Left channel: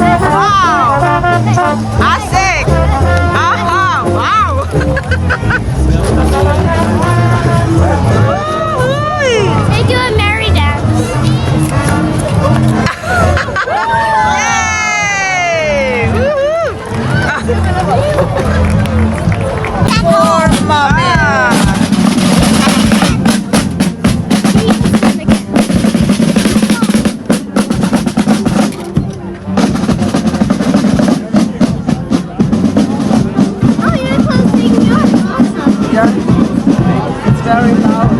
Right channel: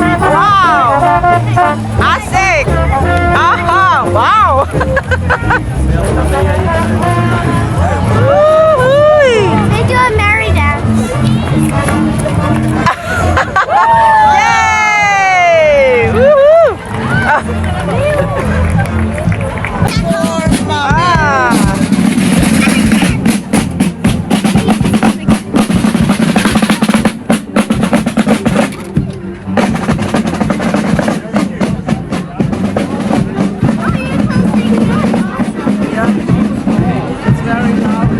Wow, asik. Aha, wow. They do a merry dance. Hey, woohoo. Ah. Oh, you're closing. That's awesome. It's very loud.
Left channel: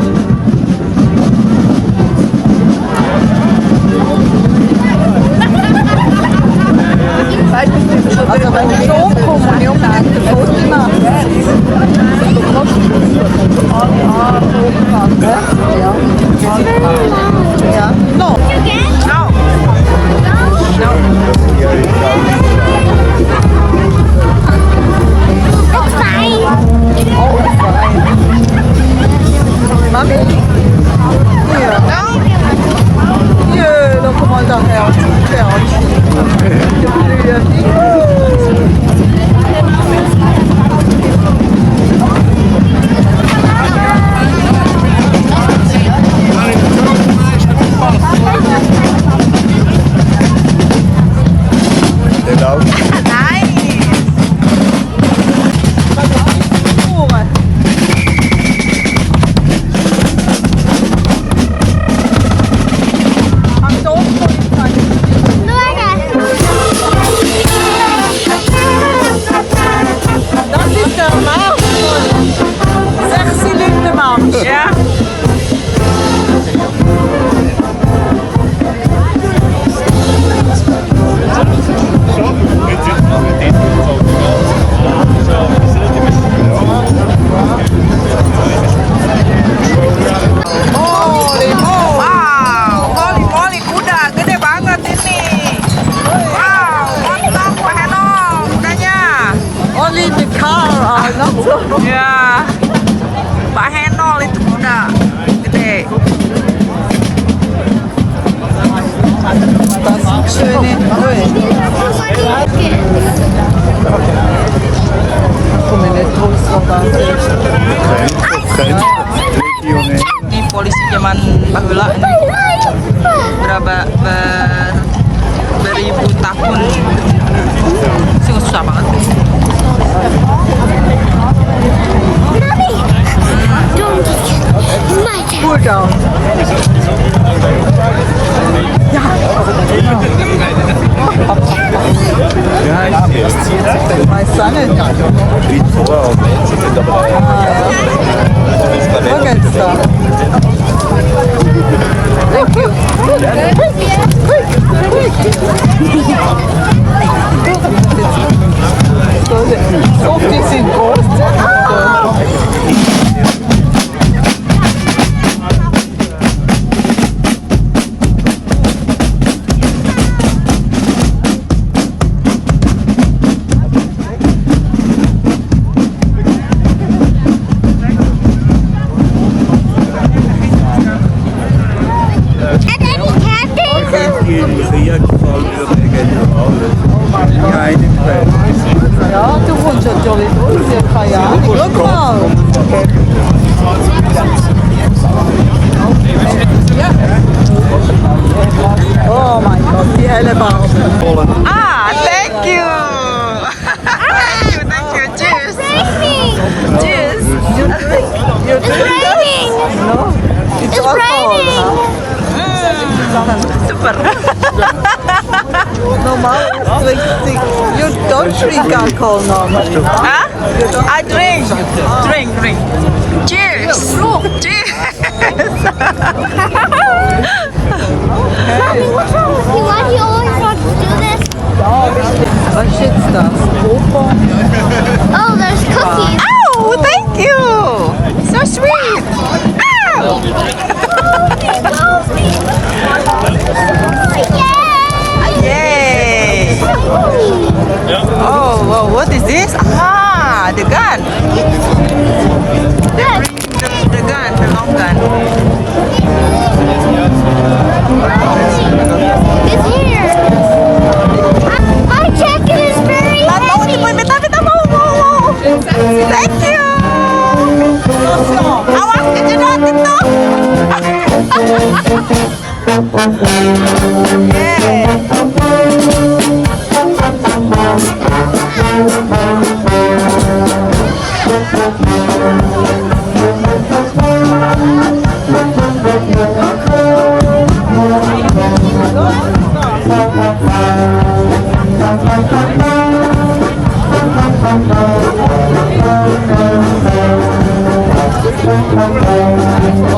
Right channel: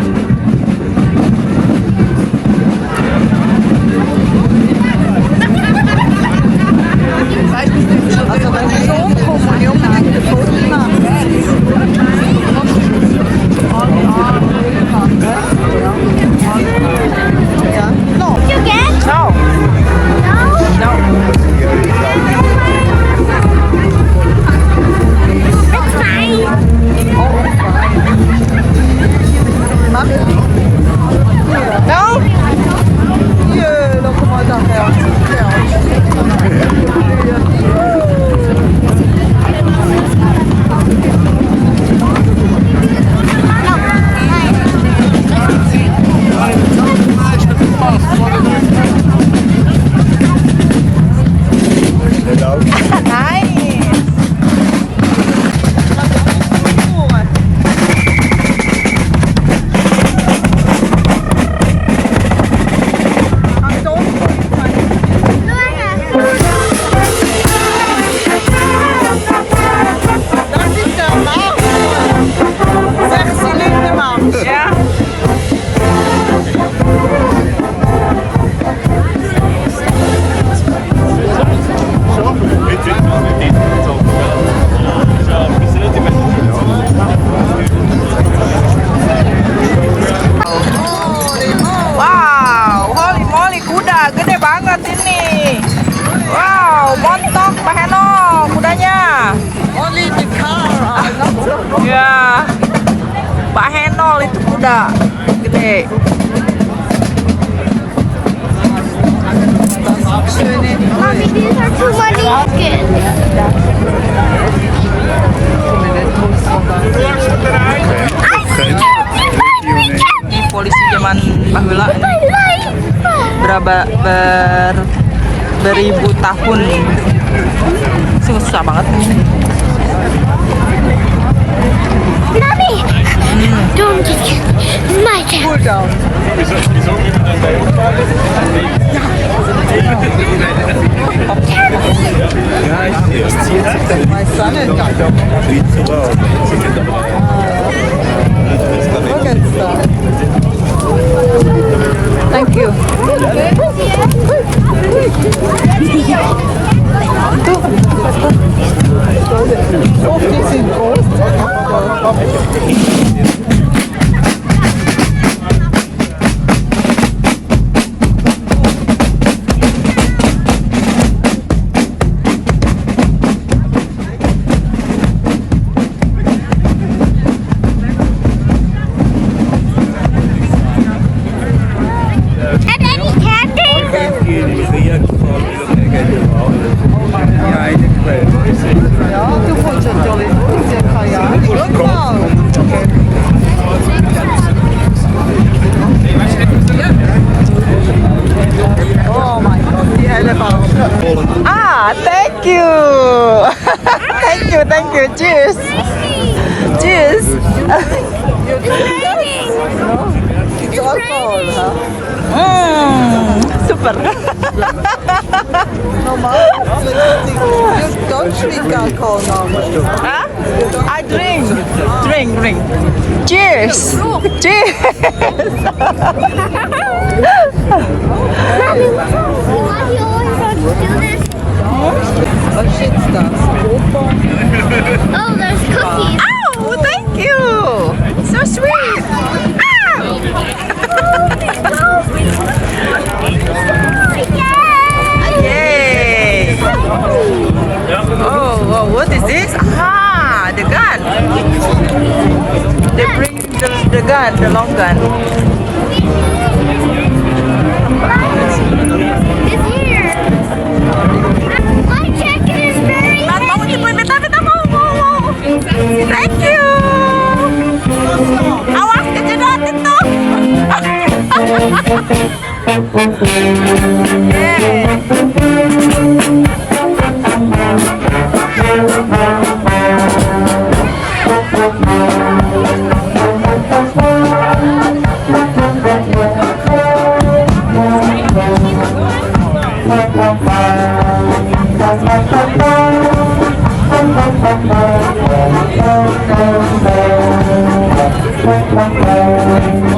Also wenn wir so kommen, die unbedingt ein Foto You get? No. No. That's fine. Mami? Hier. No? Hier, dan kom maar dan her. Dat is de maan. 6-cilinder maan. Ja. Wow, holy moly, kuda gede banget ini. Wow, montok Pak Heno kudanya. Only the car. Ya, Pak Henol itu kuda gede. Mommy, these are too much kids. Ini polisi zaman bahula ini beribu tahun. Sungguh susah banget. Mommy, don't just kidding. It's my chance. Thank you. And any candy? Ah, thank you. Thank you. Cheers. Cheers. It's raining. It's raining. Super. You don't drink alcohol, Mama. Huh? I drink. Cheers. Cheers. Mommy, what's wrong with you? Why do you always want to do this? What shit's that? Oh, there's cookies. Oh, thank you. So sweet. Ow. Yay. Oh, well, what is this? Ah, the gun. They bring the gun, the long gun. It's here. Yay.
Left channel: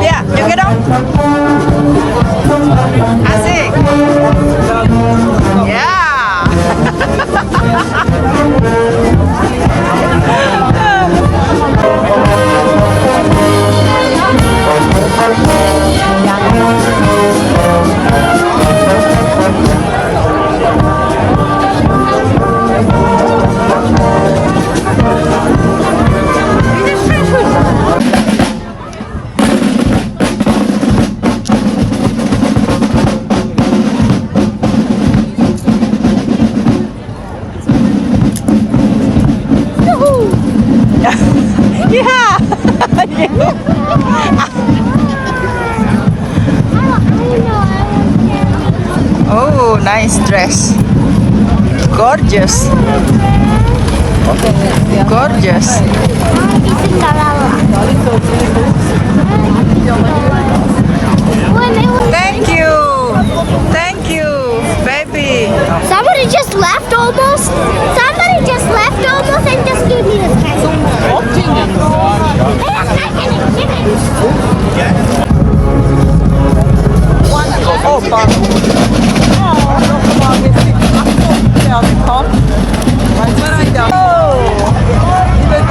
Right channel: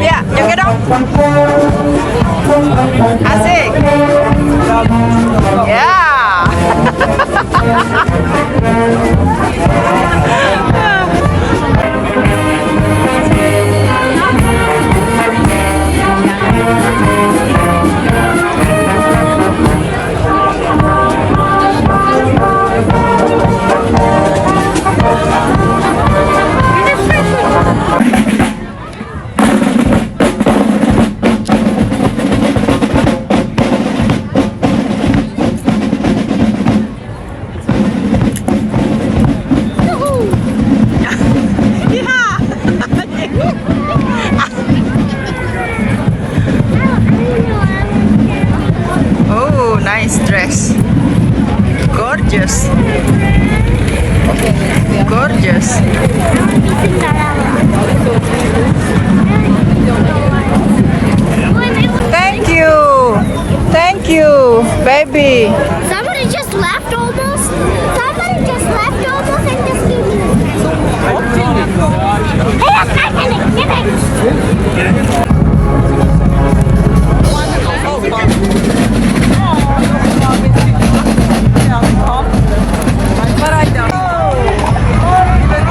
Ya, joget dong. Asik. Ya. Oh, nice dress. Gorgeous. Gorgeous. Thank you. Thank you, baby. Somebody just left almost. Somebody just left almost and just gave me this present. Hey, I'm not gonna give it.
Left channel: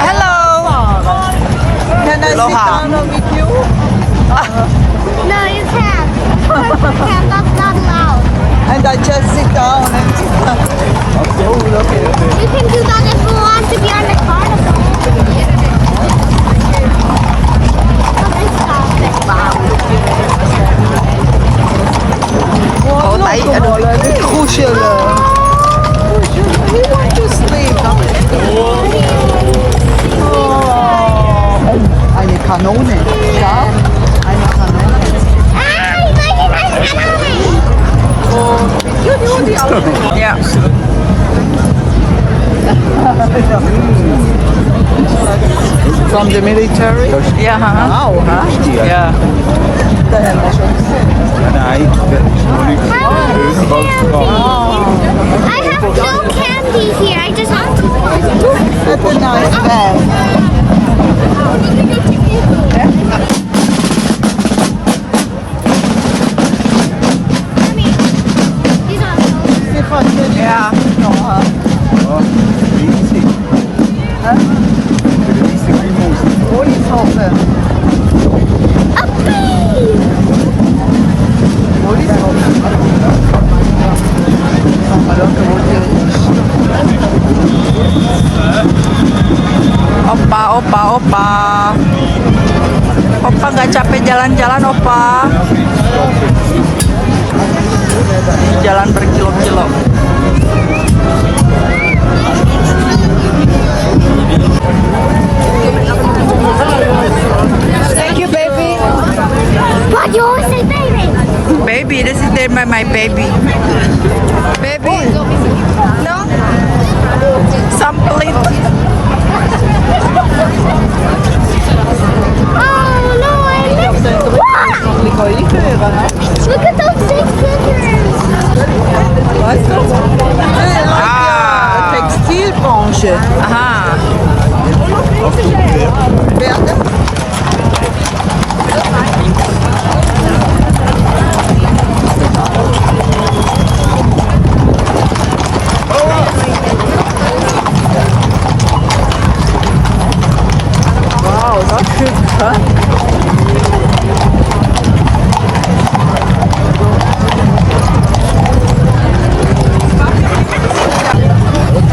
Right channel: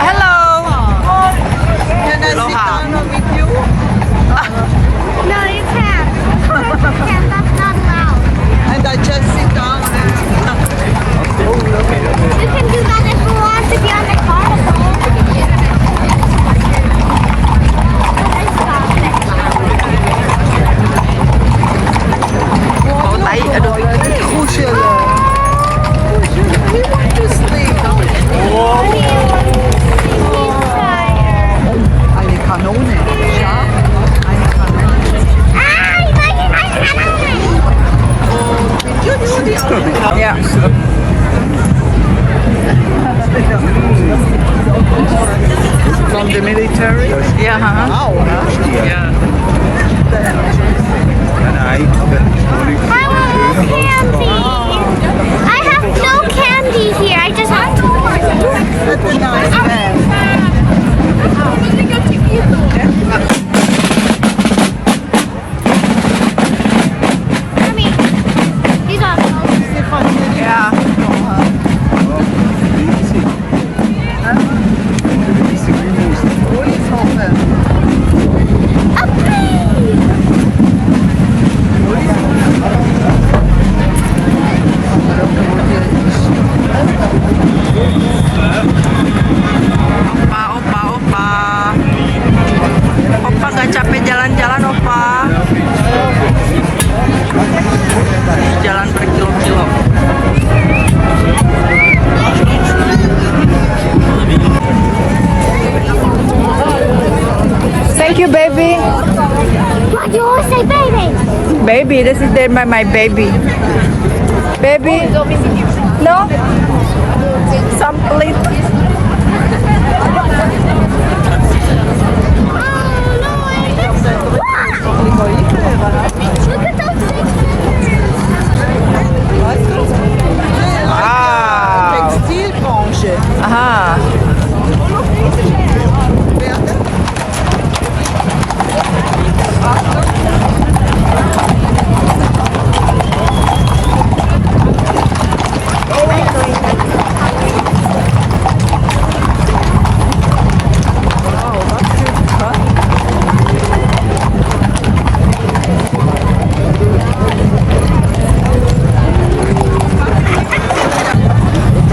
Hello. Can I sit Aloha. down with you? No, you can't. You can't. That's not allowed. And I just sit down and We can do that if we want to be on the carnival. What is that? Oh, tayo. Aduh. kuschelen. Just sleep. Eine Kanone. Ja, eine Kanone. Yeah. From the military? Yeah, huh? Yeah. I want candy. I have no candy here. I just have to. That's a nice bag. Mommy, these are so Yeah. Opa. Opa gak capek jalan-jalan, Opa. Jalan berkilo-kilo. Thank you, baby. What you always say, baby? Baby, this is my baby. Baby. No? Some plate. Oh no, I missed it. Look at those big scissors. Wow. Textilbranche. Aha.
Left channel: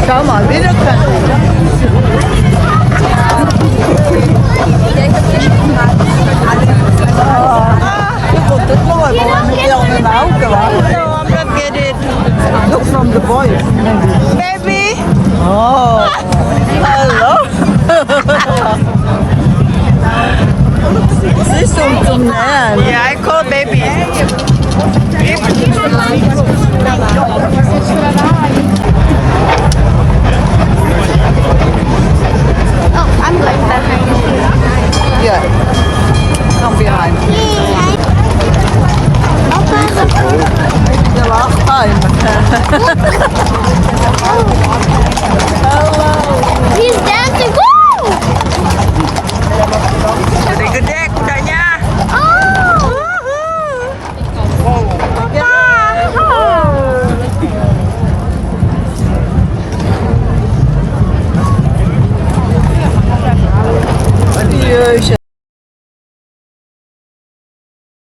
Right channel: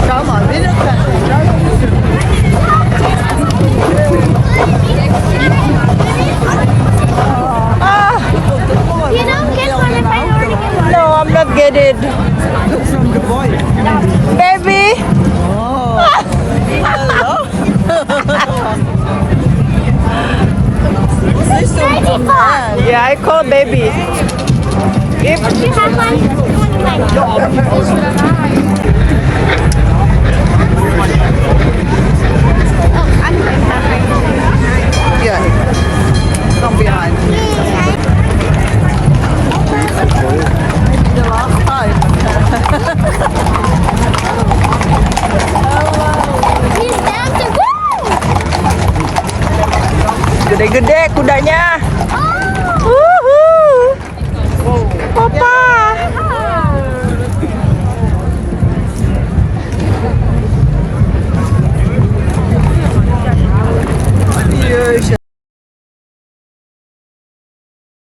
Schau mal, wieder You don't get one of my No, I'm not getting it. Look from the boy. Baby. Oh. Hello. This is the man. Yeah, I call baby. If